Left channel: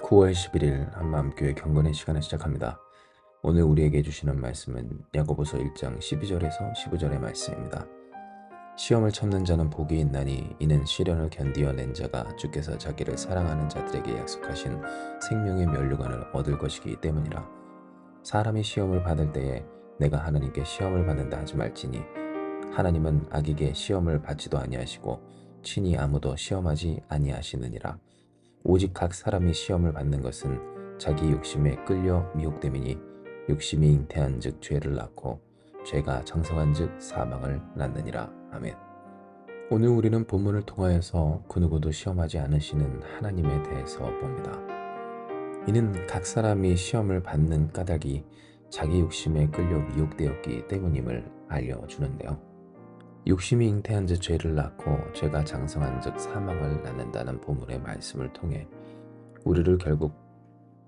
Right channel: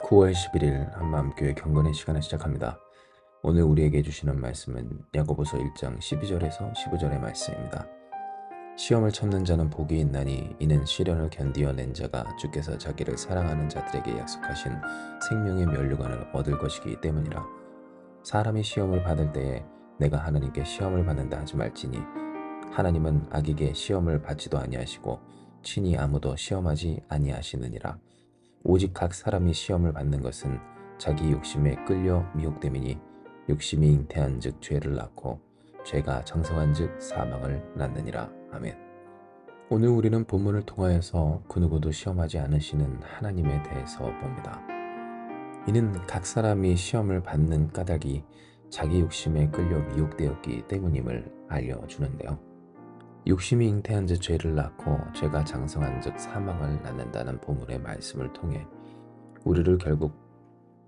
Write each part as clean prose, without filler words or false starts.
9월 11일 한마음교회 경건의 시간을 시작합니다. 오늘 우리에게 주시는 말씀은 야고보서 1장 12절에서 15절의 말씀입니다. 시험을 참는 자는 복이 있나니 이는 시련을 견디어낸 자가 주께서 자기를 사랑하는 자들에게 약속하신 생명의 면류관을 얻을 것이기 때문이라. 사람이 시험을 받을 때에 내가 하나님께 시험을 받는다 하지 말지니 하나님은 악에게 시험을 받지도 아니하시고 친히 아무도 시험하지 아니하시느니라. 오직 각 사람이 시험을 받는 것은 자기 욕심에 끌려 미혹됨이니 욕심이 잉태한즉 죄를 낳고 죄가 장성한즉 사망을 낳느니라. 아멘. 오늘 우리는 본문을 통하여서 그 누구도 시험하지 않으시는 하나님에 대해서 봅니다. 이는 각 사람이 시험을 받는 까닭이 자기 욕심에 끌려 미혹되었기 때문임을 알려주는데요. 욕심이 잉태한즉 죄를 낳고 죄가 장성한즉 사망을 낳는다는 본문의 말씀을 통해 우리를 결국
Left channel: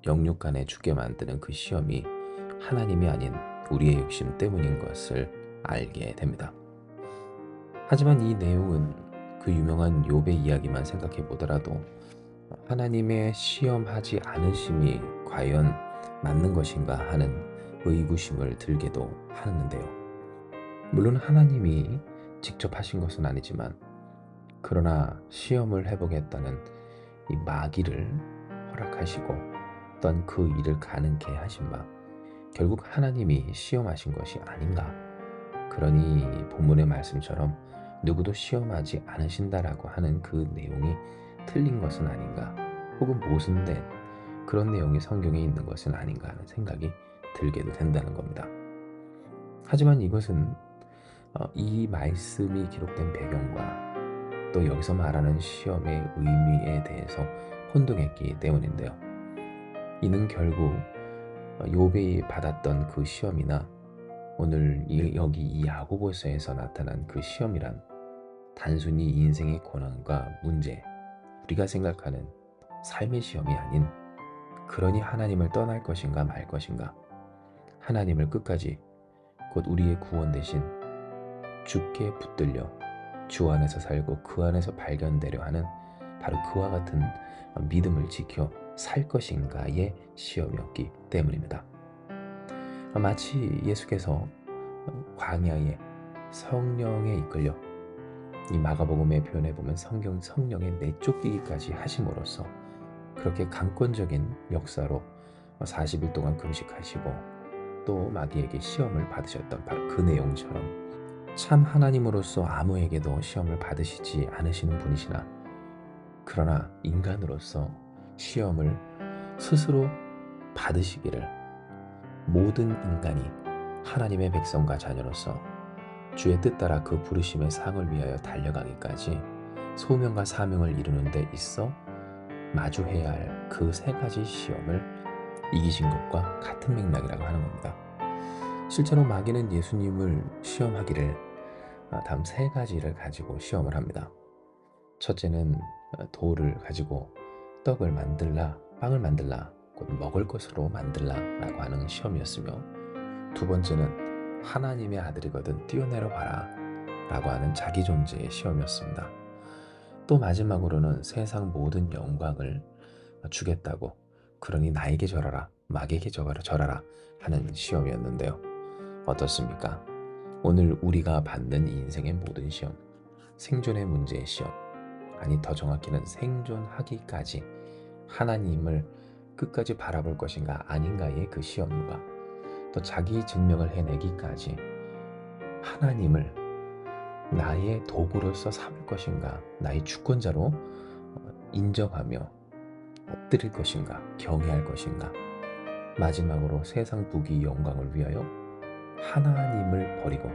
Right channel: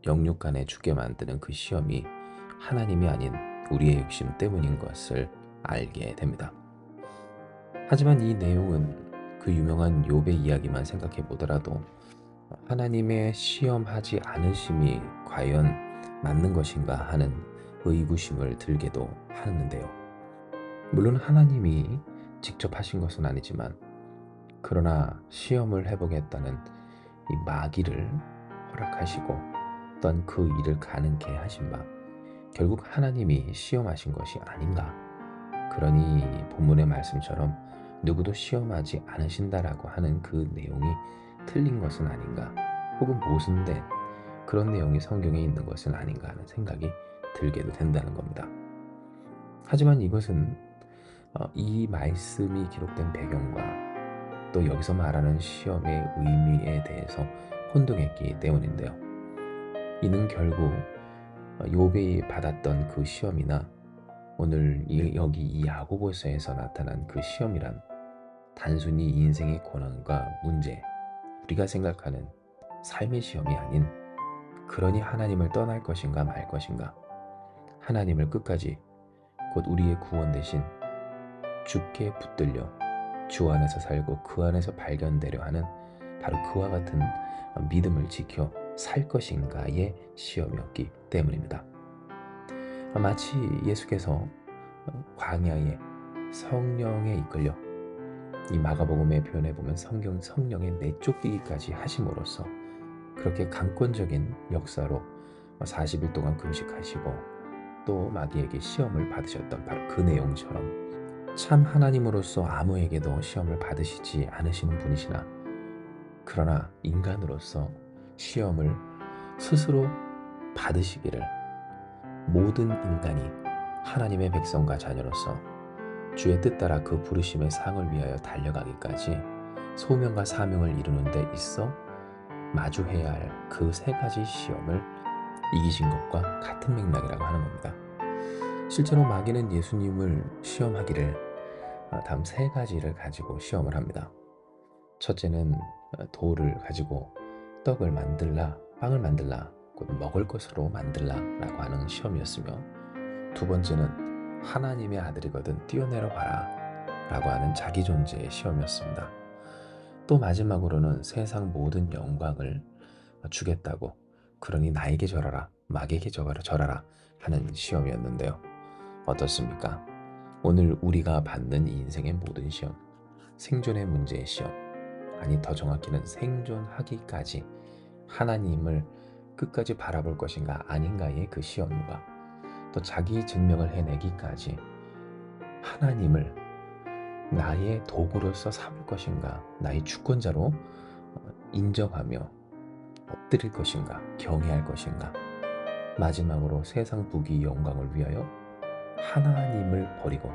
영육간에 죽게 만드는 그 시험이 하나님이 아닌 우리의 욕심 때문인 것을 알게 됩니다. 하지만 이 내용은 그 유명한 욥의 이야기만 생각해 보더라도 하나님의 시험하지 않으심이 과연 맞는 것인가 하는 의구심을 들게도 하는데요. 물론 하나님이 직접 하신 것은 아니지만 그러나 시험을 해보겠다는 이 마귀를 허락하시고 어떤 그 일을 가능케 하신 바 결국 하나님이 시험하신 것이 아닌가. 그러니 본문의 말씀처럼 누구도 시험하지 않으신다라고 하는 그 내용이 틀린 것은 아닌가, 혹은 모순된 그런 내용이 성경에 있는 것은 아닌가 하는 생각이 들게도 된다는 겁니다. 하지만 이것은 이 말씀이 기록된 배경과 또 여기서 말하는 시험의 의미에 대해서 혼동했기 때문인데요. 이는 결국 욥이 받았던 그 시험이나 오늘 여기 이 야고보서에서 나타난 그 시험이란 단순히 인생의 고난과 문제, 우리가 생각하는 삶의 시험이 아닌, 그러니 하나님을 떠날 것인가 말 것인가, 하나님을 끝까지 곧 우리의 구원 대신 주께 붙들려 주 안에서 살고 그 안에서 발견되려 하는 바로 그와 같은 믿음을 지켜 살 것인가의 시험이었기 때문입니다. 마치 예수께서 광야에 성령에 이끌려, 이 마가복음의 표현에 보면 성령에 내쫓기기까지 하심으로써 그렇게 강권적인 역사로 40일 동안 금식하시고 또 마귀에게 시험을 받으셨던 바로 그 내용처럼 참 하나님으로서 아무에게도 시험을 받으시지 않으시는 분이시나 그러나 인간으로서 시험을 스스로 받으시기를, 모든 인간이 하나님의 백성과 자녀로서 주의 뜻 따라 그 부르심의 상을 위하여 달려가기까지 소명과 사명을 이루는 데 있어 마주해야 할 그 세 가지 시험을 이기신 것과 같은 맥락이라고 하는 겁니다. 실제로 마귀는 예수님을 시험하기를 다음 세 가지를 가지고 시험을 합니다. 첫째는 돌을 가지고 떡을 만들라, 빵을 만들라, 곧 먹을 것으로 만들라 라고 하는 시험이었으며, 두 번째는 하나님의 아들이거든 뛰어내려 봐라 라고 하는 자기 존재의 시험이었습니다. 또 마지막으로는 세상 모든 영광을 주겠다고, 그러니 나에게 절하라, 마귀에게 절하라 하는 시험이었는데요. 어떻습니까? 오늘 우리가 받는 인생의 모든 시험, 생존의 문제의 시험, 아니 더 정확히는 생존하기까지 하나님을 끝까지 바라볼 것인가 아닌가의 그 시험과 또 자기 증명을 해내기까지 하나님을 나의 도구로서 삼을 것인가, 나의 주권자로 인정하며 엎드릴 것인가, 경외할 것인가, 마지막으로 세상 부귀 영광을 위하여 하나님을 버리고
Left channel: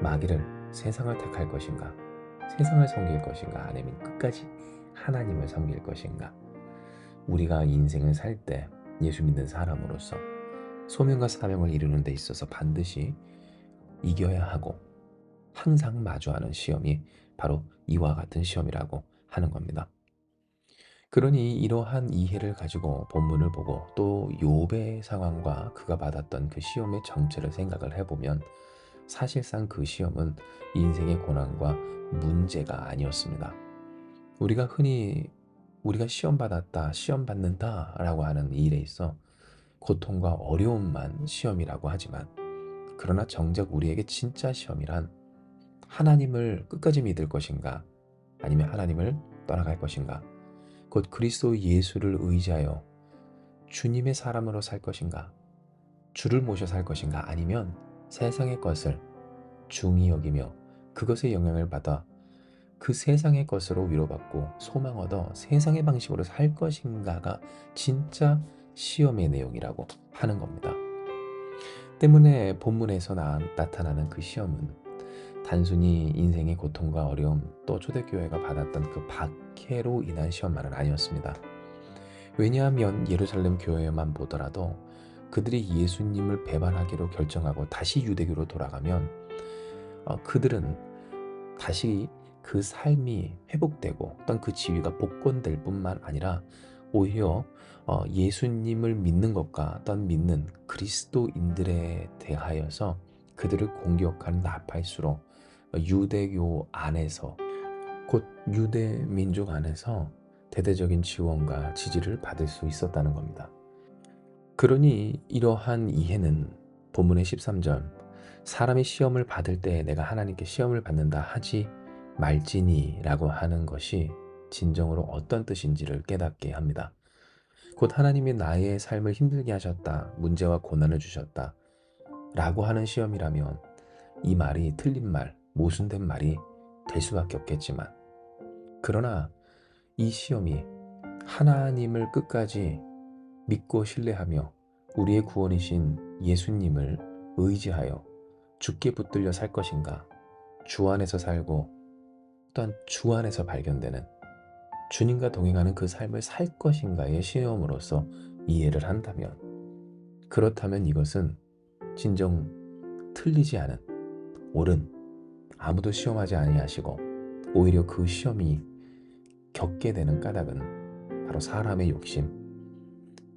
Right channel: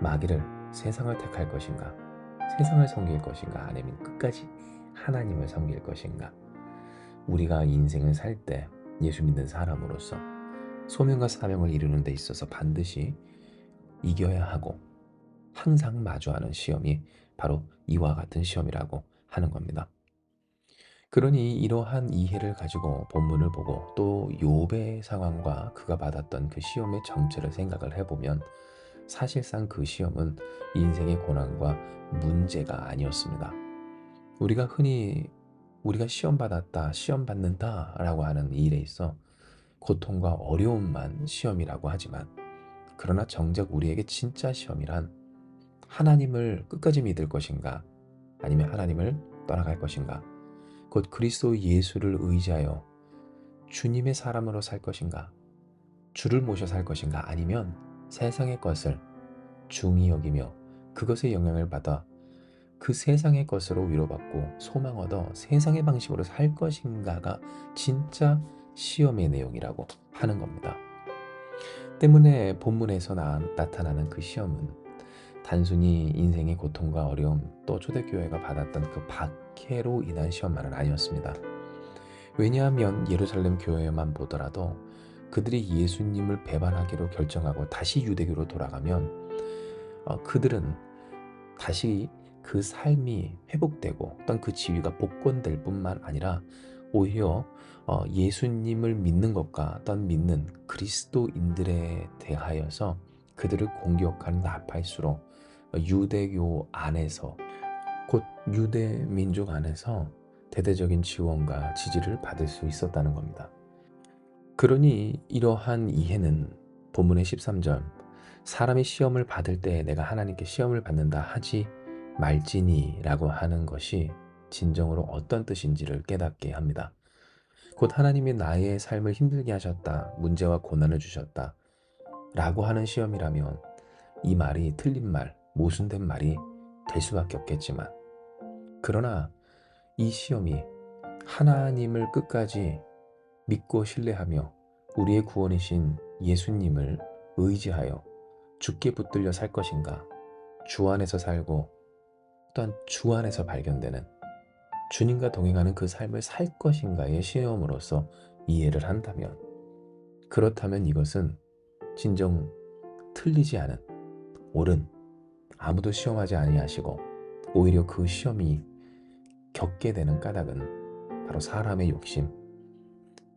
마귀를, 세상을 택할 것인가, 세상을 섬길 것인가, 아니면 끝까지 하나님을 섬길 것인가. 우리가 인생을 살 때 예수 믿는 사람으로서 소명과 사명을 이루는 데 있어서 반드시 이겨야 하고 항상 마주하는 시험이 바로 이와 같은 시험이라고 하는 겁니다. 그러니 이러한 이해를 가지고 본문을 보고 또 욥의 상황과 그가 받았던 그 시험의 정체를 생각을 해보면 사실상 그 시험은 인생의 고난과 문제가 아니었습니다. 우리가 흔히 우리가 시험 받았다, 시험 받는다라고 하는 이 일에 있어 고통과 어려움만 시험이라고 하지만, 그러나 정작 우리에게 진짜 시험이란 하나님을 끝까지 믿을 것인가, 아니면 하나님을 떠나갈 것인가, 곧 그리스도 예수를 의지하여 주님의 사람으로 살 것인가, 주를 모셔 살 것인가, 아니면 세상의 것을 중히 여기며 그것의 영향을 받아 그 세상의 것으로 위로받고 소망 얻어 세상의 방식으로 살 것인가가 진짜 시험의 내용이라고 하는 겁니다. 때문에 본문에서 나타나는 그 시험은 단순히 인생의 고통과 어려움, 또 초대교회가 받았던 그 박해로 인한 시험만은 아니었습니다. 왜냐하면 예루살렘 교회만 보더라도 그들이 예수님을 배반하기로 결정하고 다시 유대교로 돌아가면 그들은 다시 그 삶이 회복되고 어떤 그 지위가 복권될 뿐만 아니라 오히려 예수님을 믿는 것과 어떤 믿는 그리스도인들에 대하여서 그들을 공격하는 나팔수로 유대교 안에서, 곧 유대 민족 안에서 대대적인 지원과 지지를 받을 수 있었다는 겁니다. 그러니 이러한 이해는 본문의 13절 사람이 시험을 받을 때 내가 하나님께 시험을 받는다 하지 말지니 라고 하는 것이 진정으로 어떤 뜻인지를 깨닫게 합니다. 곧 하나님이 나의 삶을 힘들게 하셨다, 문제와 고난을 주셨다 라고 하는 시험이라면 이 말이 틀린 말, 모순된 말이 될 수밖에 없겠지만, 그러나 이 시험이 하나님을 끝까지 믿고 신뢰하며 우리의 구원이신 예수님을 의지하여 주께 붙들려 살 것인가, 주 안에서 살고 또한 주 안에서 발견되는 주님과 동행하는 그 삶을 살 것인가의 시험으로서 이해를 한다면, 그렇다면 이것은 진정 틀리지 않은, 옳은, 아무도 시험하지 아니하시고 오히려 그 시험이 겪게 되는 까닭은 바로 사람의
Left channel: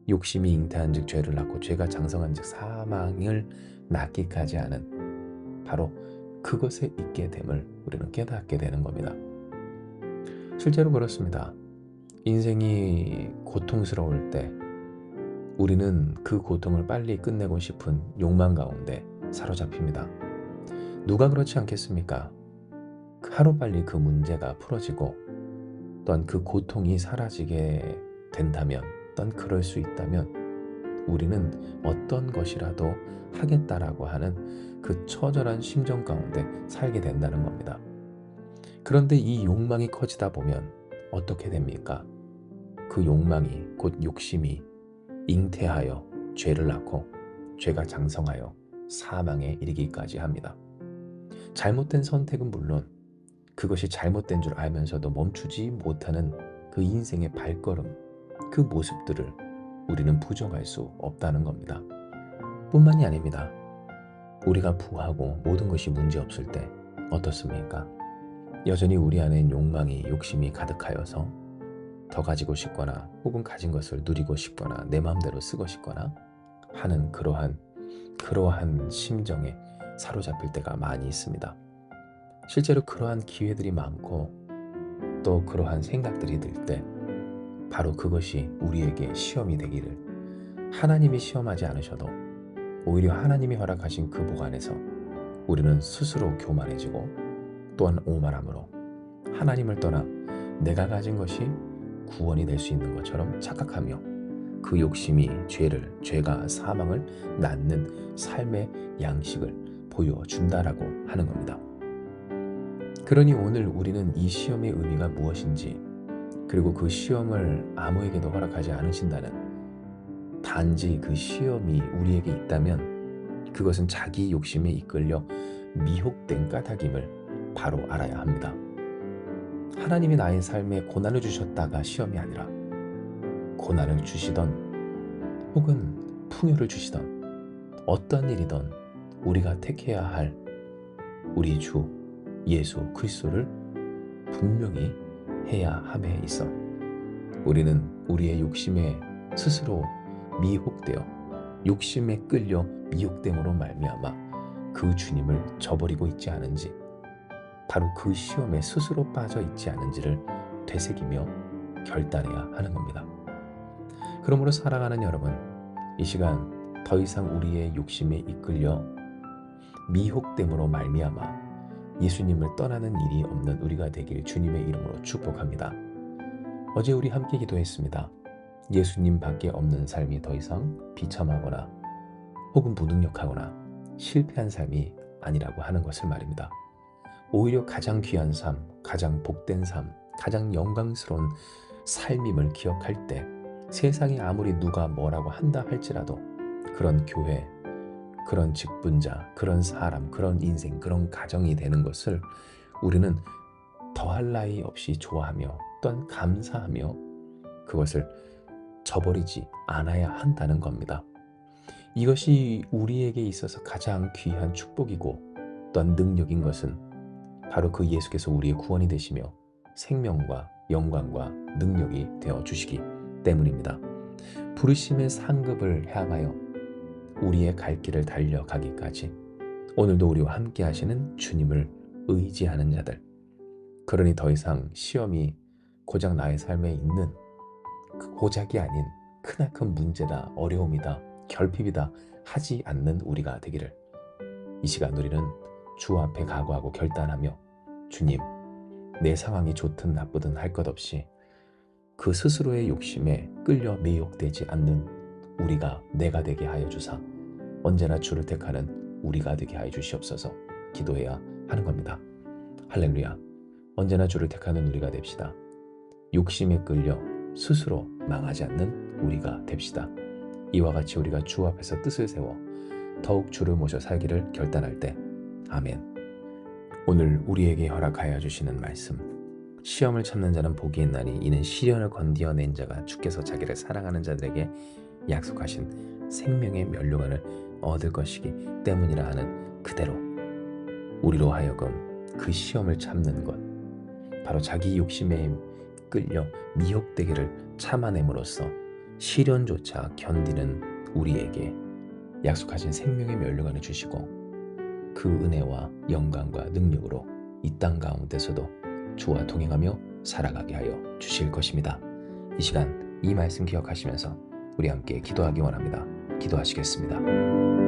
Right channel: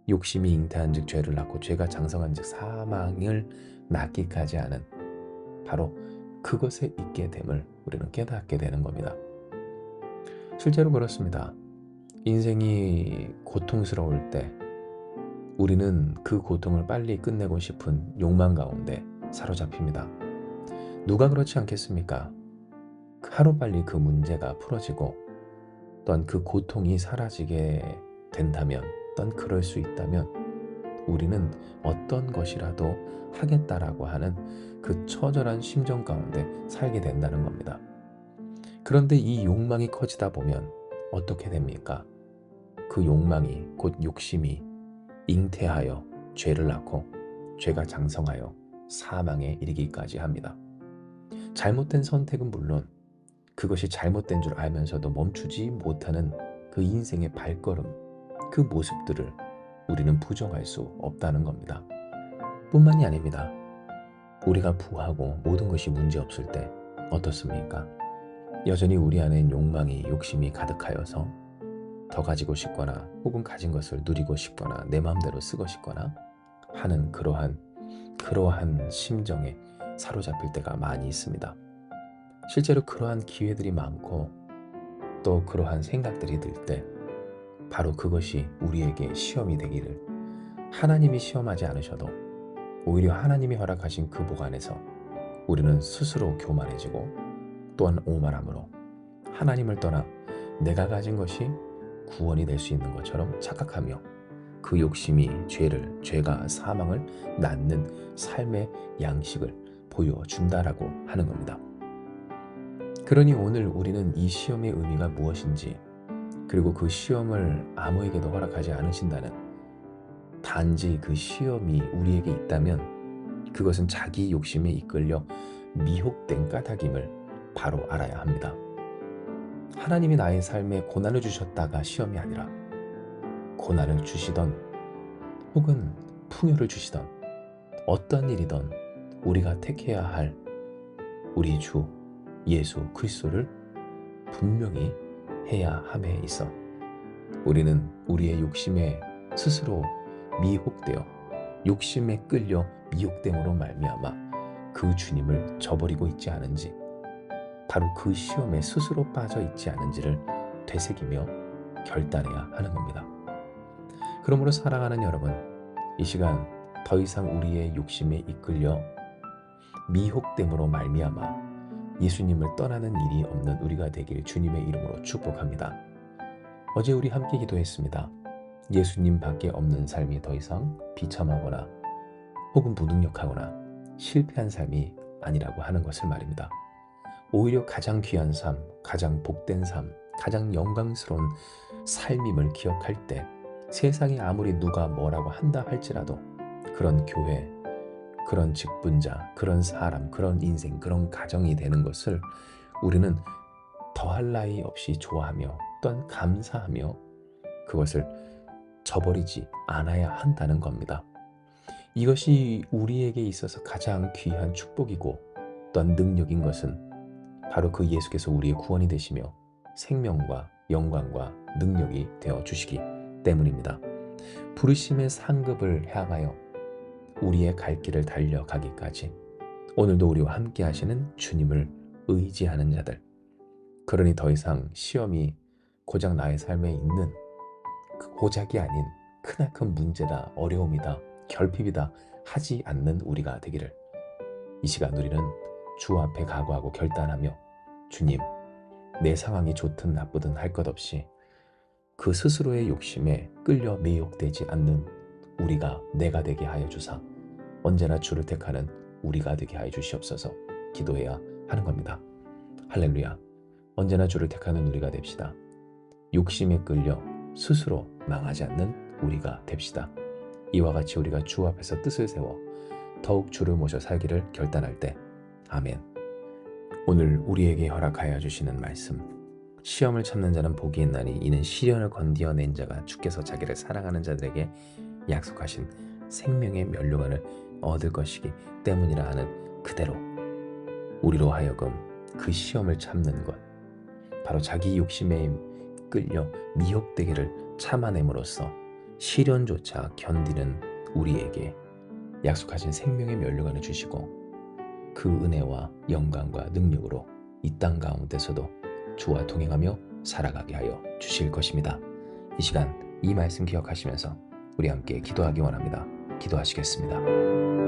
욕심이 잉태한 즉 죄를 낳고 죄가 장성한 즉 사망을 낳기까지 하는 바로 그것에 있게 됨을 우리는 깨닫게 되는 겁니다. 실제로 그렇습니다. 인생이 고통스러울 때 우리는 그 고통을 빨리 끝내고 싶은 욕망 가운데 사로잡힙니다. 누가 그렇지 않겠습니까? 하루빨리 그 문제가 풀어지고 또한 그 고통이 사라지게 된다면, 또한 그럴 수 있다면 우리는 어떤 것이라도 하겠다라고 하는 그 처절한 심정 가운데 살게 된다는 겁니다. 그런데 이 욕망이 커지다 보면 어떻게 됩니까? 그 욕망이, 곧 욕심이 잉태하여 죄를 낳고 죄가 장성하여 사망에 이르기까지 합니다. 잘못된 선택은 물론 그것이 잘못된 줄 알면서도 멈추지 못하는 그 인생의 발걸음, 그 모습들을 우리는 부정할 수 없다는 겁니다. 뿐만이 아닙니다. 우리가 부하고 모든 것이 문제없을 때 어떻습니까? 여전히 우리 안엔 욕망이, 욕심이 가득하여서 더 가지고 싶거나 혹은 가진 것을 누리고 싶거나 내 마음대로 쓰고 싶거나 하는 그러한 심정에 사로잡힐 때가 많이 있습니다. 실제로 그러한 기회들이 많고 또 그러한 생각들이 들 때 바로 그것이 우리에게 시험이 되기를, 하나님이 시험하지 않으셔도 오히려 하나님이 허락하신 그 복 안에서 우리는 스스로 교만해지고 또한 오만함으로 하나님을 떠나 내가 가진 것이 구원이 될 수 있는 것처럼 착각하며 그 욕심이 죄가 사망을 낳는 삶의 양식을 보여준다라고 하는 겁니다. 그러니 오늘 우리는 이 시험의 의미가 무엇인지, 그리고 그 시험을 아무에게도 허락하지 않으신다는, 단지 그 시험이 우리에게 있다면 그것은 자기 욕심에 이끌려 미혹된 까닭임을 바로 알아야 합니다. 하나님이 나의 삶에 고난을 주셨다가 시험이 아니라 고난을 주시던 혹은 풍요를 주시던 어떤 일이든 우리가 택해야 할 우리 주 예수 그리스도를 분명히 해야 함에 있어 우리는 우리의 욕심에 스스로 미혹되어 욕심에 끌려 미혹됨으로 말미암아 그 주님을 저버리고 있지 않은지, 바로 그 시험에 스스로 빠져 있지 않은지를 되새기며 결단해야 하는 겁니다. 그러므로 사랑하는 여러분, 이 시간 더 이상 우리의 욕심에 이끌려 미혹됨으로 말미암아 예수님을 떠나는 일이 없는 우리가 되길 주님의 이름으로 축복합니다. 어제 우리 함께 기도했습니다. 예수님 밖에 없는 삶이 더 이상 비참하거나 혹은 무능력하거나 실패한 삶이 아니라고 하는 것을 말입니다. 오히려 가장 귀한 삶, 가장 복된 삶, 가장 영광스러운 삶임을 기억할 때 세상에 아무리 누가 뭐라고 한다 할지라도 그런 교회, 그런 직분자, 그런 사람, 그런 인생, 그런 가정이 되는 것을 우리는 더할 나위 없이 좋아하며 또한 감사하며 그것을 저버리지 않아야 한다는 겁니다. 이것이 우리에게 있어서 가장 귀한 축복이고 또한 능력인 것은 바로 그 예수께서 우리의 구원이 되시며 생명과 영광과 능력이 되어 주시기 때문입니다. 부르심의 상급을 향하여 우리의 갈 길을 달려가기까지 오늘도 우리와 함께 하시는 주님을 의지하는 자들, 그러니 더 이상 시험이 고작 나의 삶에 있는 그 고작이 아닌 크나큰 문제다, 어려움이다, 결핍이다 하지 않는 우리가 되기를 이 시간 우리는 주 앞에 각오하고 결단하며 주님, 내 상황이 좋든 나쁘든 할 것 없이 그 스스로의 욕심에 끌려 미혹되지 않는 우리가 내가 되게 하여 주사 언제나 주를 택하는 우리가 되게 하여 주시옵소서 기도해야 하는 겁니다. 할렐루야. 언제나 주를 택하는 우리가 됩시다. 욕심에 끌려 스스로 망하지 않는 우리가 됩시다. 이와 같이 우리가 주 앞에서 뜻을 세워 더욱 주를 모셔 살기를 결단할 때 아멘. 오늘 우리에게 허락하여 주시는 말씀, 시험을 참는 자는 복이 있나니 이는 시련을 건디어낸 자가 주께서 자기를 사랑하는 자들에게 약속하신 생명의 면류관을 얻을 것이기 때문이라 하는 그대로 우리로 하여금 그 시험을 참는 것, 바로 자기 욕심에 끌려 미혹되기를 참아냄으로써 시련조차 견디는 우리에게 약속하신 생명의 면류관을 주시고 그 은혜와 영광과 능력으로 이 땅 가운데서도 주와 동행하며 살아가게 하여 주실 것입니다. 이 시간 이 말씀 기억하시면서 우리 함께 기도하기 원합니다. 기도하시겠습니다.